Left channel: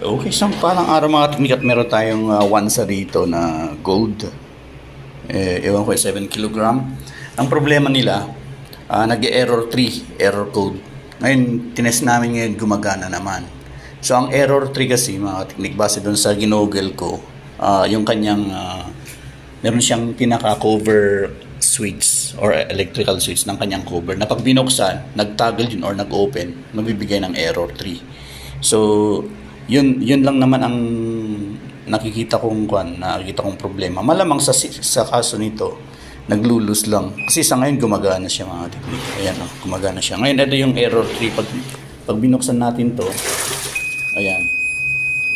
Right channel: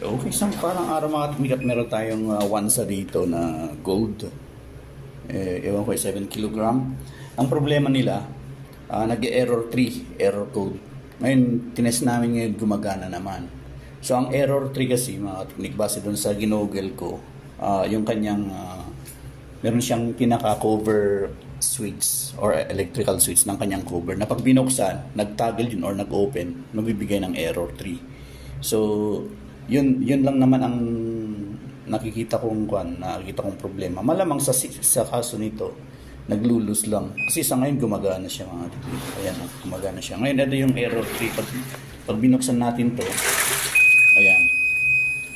Okay, so parang araw mga teknik at meron tayong wansa dito na gold. Ewan ko, 7 kilogram. Ang problema nila, nag-error 3, error code. Ngayon, tinest namin ngayon, gumagana naman. So, ang error 3 kasi, mga teknik, base doon sa ginoggle ko, yung kanyang, meron siyang pinaka-cover switch or electrical switch ng kanyang cover na pag binuksan, nag-toggle yun or nag-open, magbibigay ng error 3. So, yun lang naman ang nakikita kong problema. Malamang sa kaso nito, naglulus lang. Kasi sa ngayon gumagana siya mga teknik. Ayan, gumagana siya. Ngayon ito yung error 3 pag binuksan natin to. Ayan.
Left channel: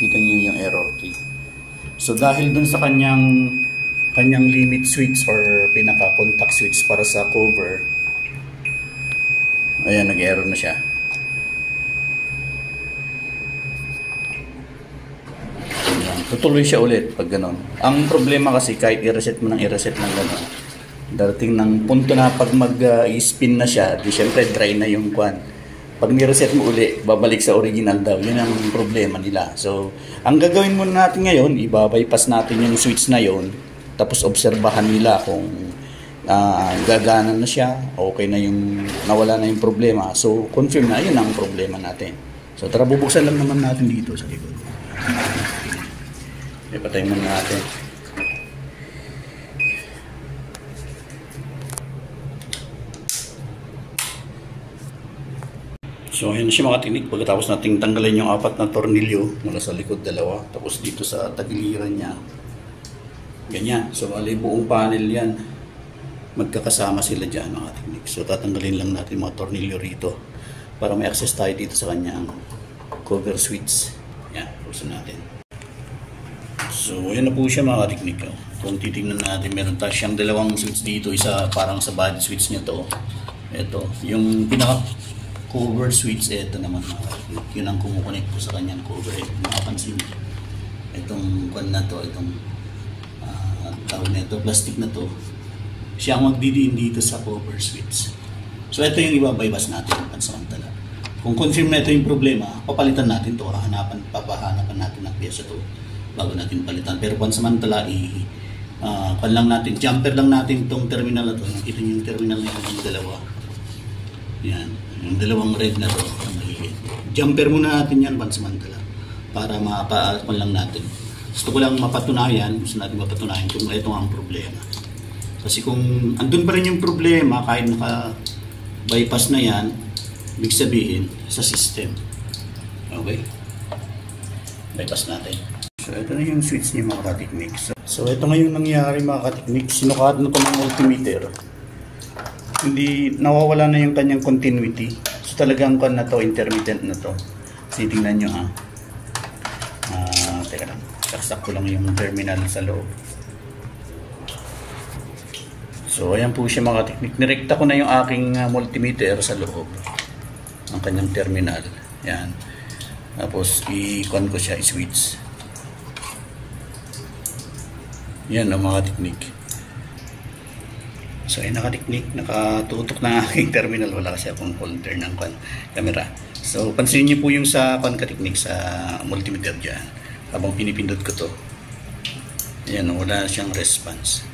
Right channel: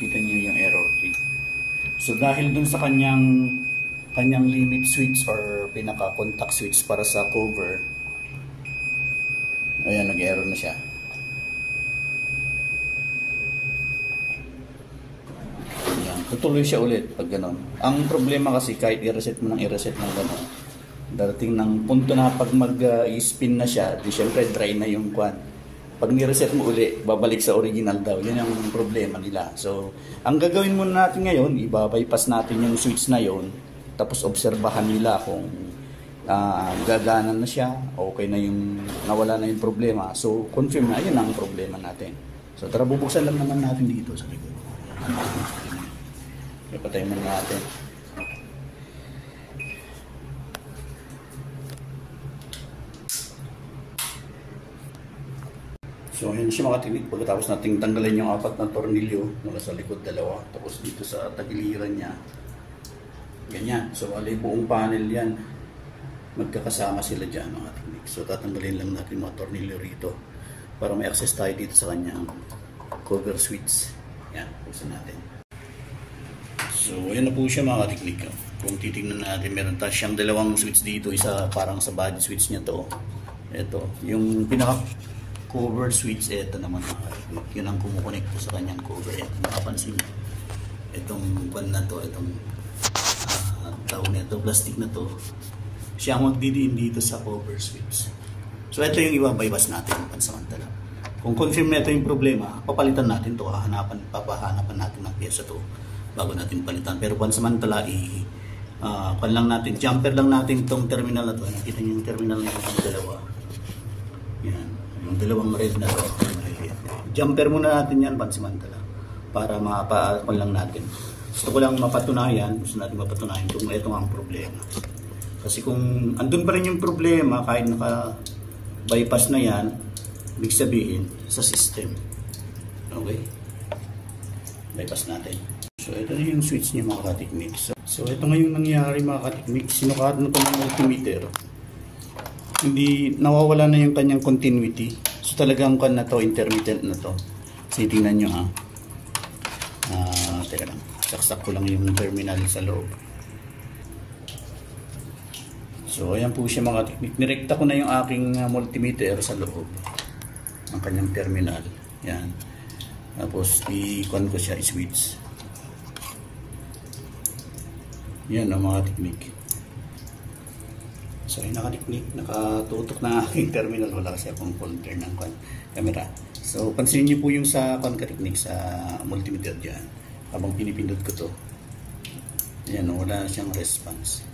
Kita niyo yung error 3. So dahil dun sa kanyang limit switch or pinaka contact switch para sa cover. Ayan, nag-error na siya. Tutuloy siya ulit pag gano'n. Ang problema kasi kahit i-reset mo ng gano'n, darating ng punto na pag mag-spin na siya, di syempre dry na yung kwan. Pag ni-reset mo uli, babalik sa original daw. Yun ang problema nila. So, ang gagawin muna natin ngayon, ibabypass natin yung switch na yon, tapos obserbahan nila kung gagana na siya, okay na yung, nawala na yung problema. So, confirm na, yun ang problema natin. So, tara, bubuksan lang naman natin dito sa likod. Ipatay muna natin. So ayan siya mga teknik. Pagkatapos nating tanggalin yung 4 na tornilyo, mula sa likod 2, tapos dito sa tagiliran niya, ganyan. So mali buong panel yan, magkakasama sila dyan mga teknik. So tatanggalin lang natin mga tornilyo rito para may access tayo dito sa kanyang cover switch. Yan, puso natin. So, ayan na po siya mga teknik. Kung titignan natin, meron tayo siyang 2 switch dito. Isa parang sa body switch niya to. Ito, yung pinaka-cover switch, ito naman mga teknik. Yun ang kumukonect po sa kanyang cover. Ito, makapansin niyo. Itong pan na to, itong tawag na ito, plastic na to. Siya ang magdidiin dito sa cover switch. So, ito yung ibabypass natin. Pansamantala. Kung confirm na ito yung problema, papalitan natin to. Papahanapan natin ng pyesa to bago natin palitan. Pero pansamantala, lang natin, jumper lang natin itong terminal na to. Nakita niyo yung terminal na yung 2. Yan. Yung 2 red na to. Jumper muna natin yan pansamantala para mapaapan lang natin. Gusto ko lang mapatunayan, kung ito ang problema. Kasi kung andun pa rin yung problema, kahit naka-bypass na yan, ibig sabihin sa system. Okay? Bypass natin. So, ito na yung switch niya mga kateknik. So, ito nga yung nangyari mga kateknik. Sinukat na ito ng multimeter. Hindi, nawawala na yung kanyang continuity. So, talagang kan na to, intermittent na to. So, tingnan nyo ha. Teka lang. Saksak ko lang yung terminal sa loob. So, ayan po siya mga kateknik. Nirekta ko na yung aking multimeter sa loob ng kanyang terminal. Yan. Tapos, i-con ko siya, i-switch. Yan ang mga teknik. So ayun nakateknik, nakatutok na aking terminal. Wala kasi akong holder ng camera. So pansinin niyo po yung sa kateknik sa multimeter dyan. Habang pinipindot ko to, yan, wala na siyang response.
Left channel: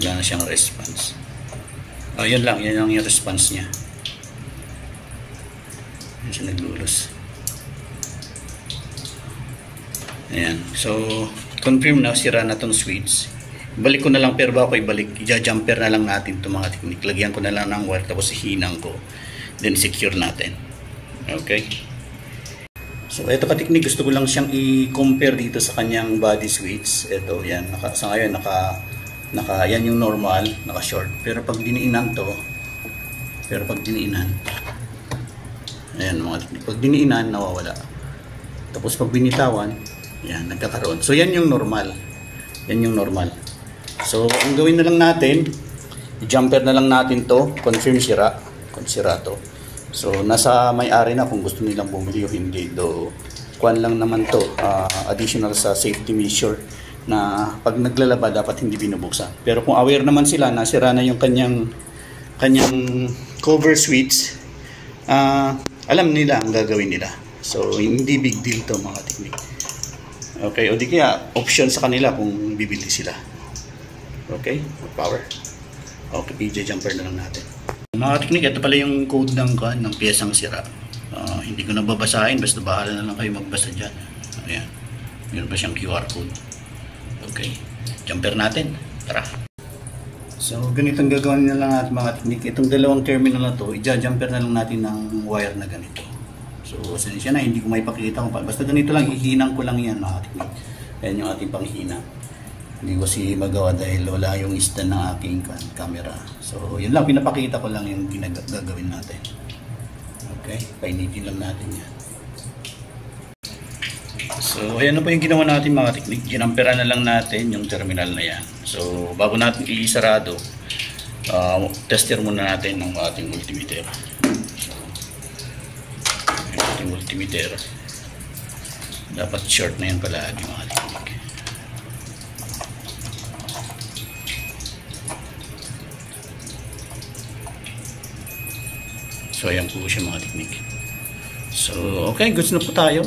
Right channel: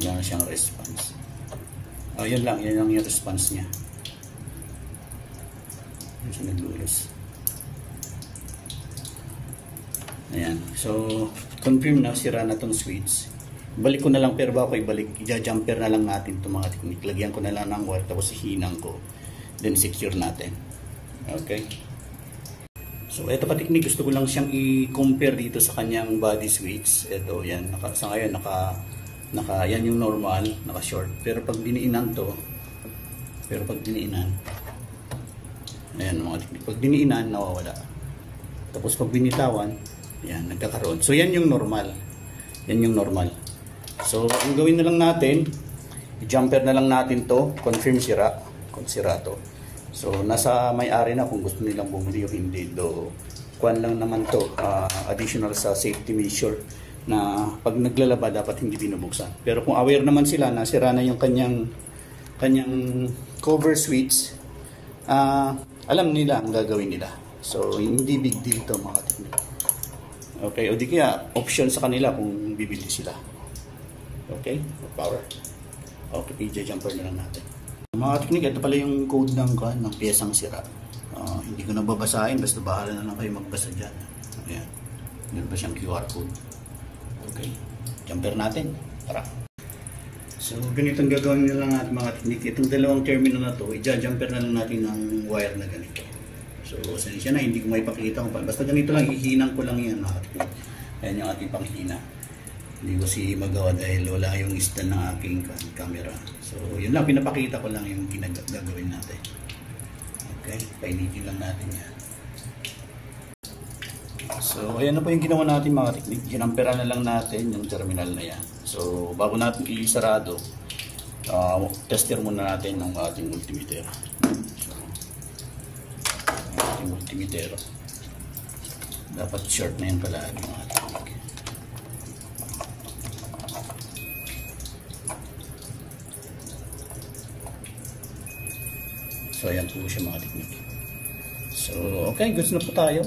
Wala na siyang response. Yan lang, yan lang yung response niya. Yan siya naglulus. Ayan, so confirm na sira na tong switch. Balik ko na lang, pero bago ko ibalik, i-jumper na lang natin itong mga teknik. Lagyan ko na lang ng wire, tapos hinang ko, then secure natin. Okay, so ito ka teknik, gusto ko lang siyang i-compare dito sa kanyang body switch. Ito yan, sa ngayon yan yung normal, naka short. Pero pag diniinan to, ayan mga teknik, pag diniinan nawawala. Tapos pag binitawan, yan, nagkakaroon. So, yan yung normal. Yan yung normal. So, ang gawin na lang natin, i-jumper na lang natin to, confirm sira. Kung sira to. So, nasa may-ari na kung gusto nilang bumili o hindi. Do, kuwan lang naman to, additional sa safety measure na pag naglalaba dapat hindi binubuksan. Pero kung aware naman sila na sira na yung kanyang cover switch, alam nila ang gagawin nila. So hindi big deal to mga technique. Okay, o di kaya option sa kanila kung bibili sila. Okay, power. Okay, PJ jumper na lang natin. Mga technique, ito pala yung code ng piyesang sira. Hindi ko na babasahin, basta bahala na lang kayo magbasa dyan. Ayan, meron pa siyang QR code. Okay, jumper natin. Tara. So ganitong gagawin na lang natin mga technique. Itong dalawang terminal na to, i-jumper na lang natin ng wire na ganito. So siya na, hindi ko may pakita ko pa. Basta ganito lang, hihinang ko lang yan mga technique. Yan yung ating panghina. Hindi ko si magawa dahil wala yung stand ng aking camera. So yun lang, pinapakita ko lang yung gagawin natin. Okay, painitin lang natin yan. So ayan na po yung ginawa natin mga technique. Ginamperan na lang natin yung terminal na yan. So bago natin i-sarado, tester muna natin ng ating multimeter. So yung ating multimeter, dapat short na yan palagi mga technique. So ayan po siya mga technique. So okay, goods na po tayo.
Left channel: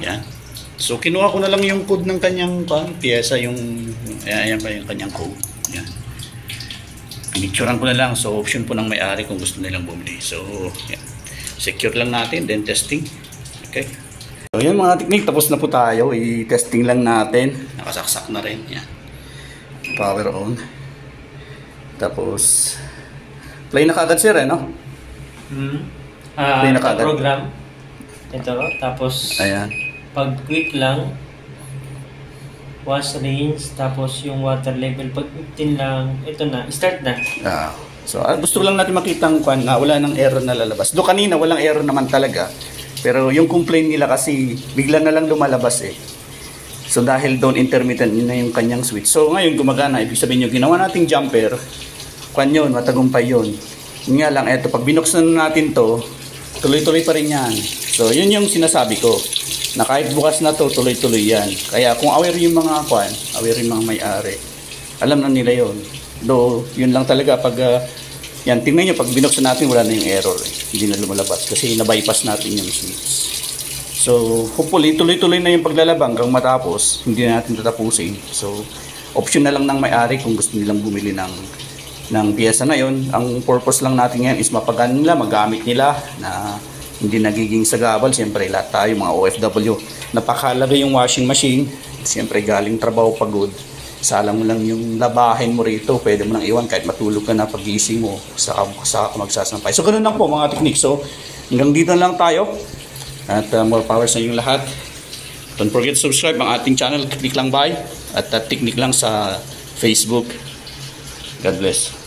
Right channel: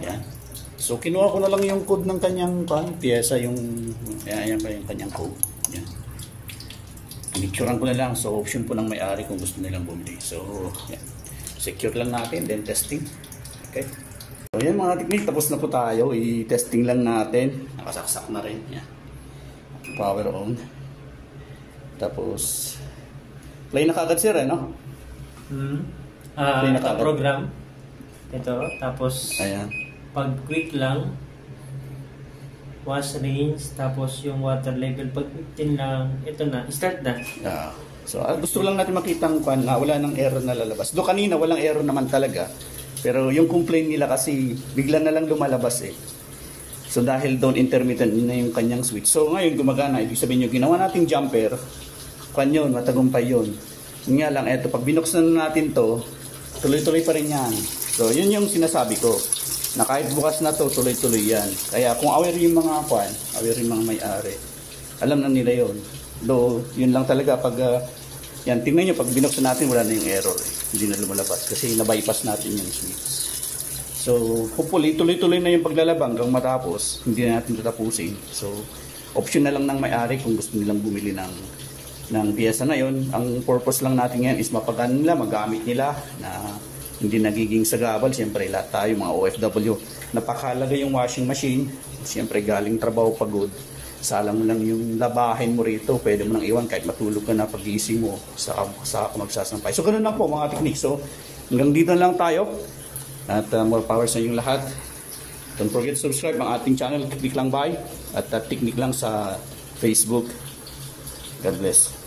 Yan. So kinuha ko na lang yung code ng kanyang piyesa, yung ayan pa yung kanyang code. Yan. Pinicturean ko na lang. So option po ng may-ari kung gusto nilang bumili. So yan. Secure lang natin, then testing. Okay. So yan mga technique, tapos na po tayo. I-testing lang natin. Nakasaksak na rin. Yan. Power on. Tapos play na kagad sir, no? Play na kagad. Program. Ito, tapos ayan. Pag quick lang, wash range, tapos yung water level, pag 15 lang, ito na, start na. So gusto lang natin makita na wala nang error na lalabas. Do kanina walang error naman talaga. Pero yung complaint nila kasi bigla na lang lumalabas eh. So dahil doon intermittent na yung kanyang switch. So ngayon gumagana, ibig sabihin yung ginawa nating jumper, yun, matagumpay yun. Yun nga lang, eto, pag binuksan natin to, tuloy-tuloy pa rin yan. So yun yung sinasabi ko. Na kahit bukas na to, tuloy-tuloy yan. Kaya kung aware yung mga aware yung mga may-ari, alam na nila yon. Though, yun lang talaga pag, yan, tingnan nyo, pag binuksan natin, wala na yung error. Hindi na lumalabas kasi na-bypass natin yung switch. So, hopefully, tuloy-tuloy na yung paglalaba hanggang matapos, hindi na natin tatapusin. So, option na lang ng may-ari kung gusto nilang bumili ng piyesa na yon. Ang purpose lang natin yan is mapagan nila, magamit nila na hindi nagiging sagabal. Siyempre lahat tayo mga OFW, napakahalaga yung washing machine. Siyempre galing trabaho, pagod, salang mo lang yung labahin mo rito, pwede mo nang iwan kahit matulog ka na, pagising mo saka magsasampay. So ganun lang po mga technique. So hanggang dito lang tayo at more power sa inyong lahat. Don't forget to subscribe ang ating channel, Technique Lang By, at Technique Lang sa Facebook. God bless.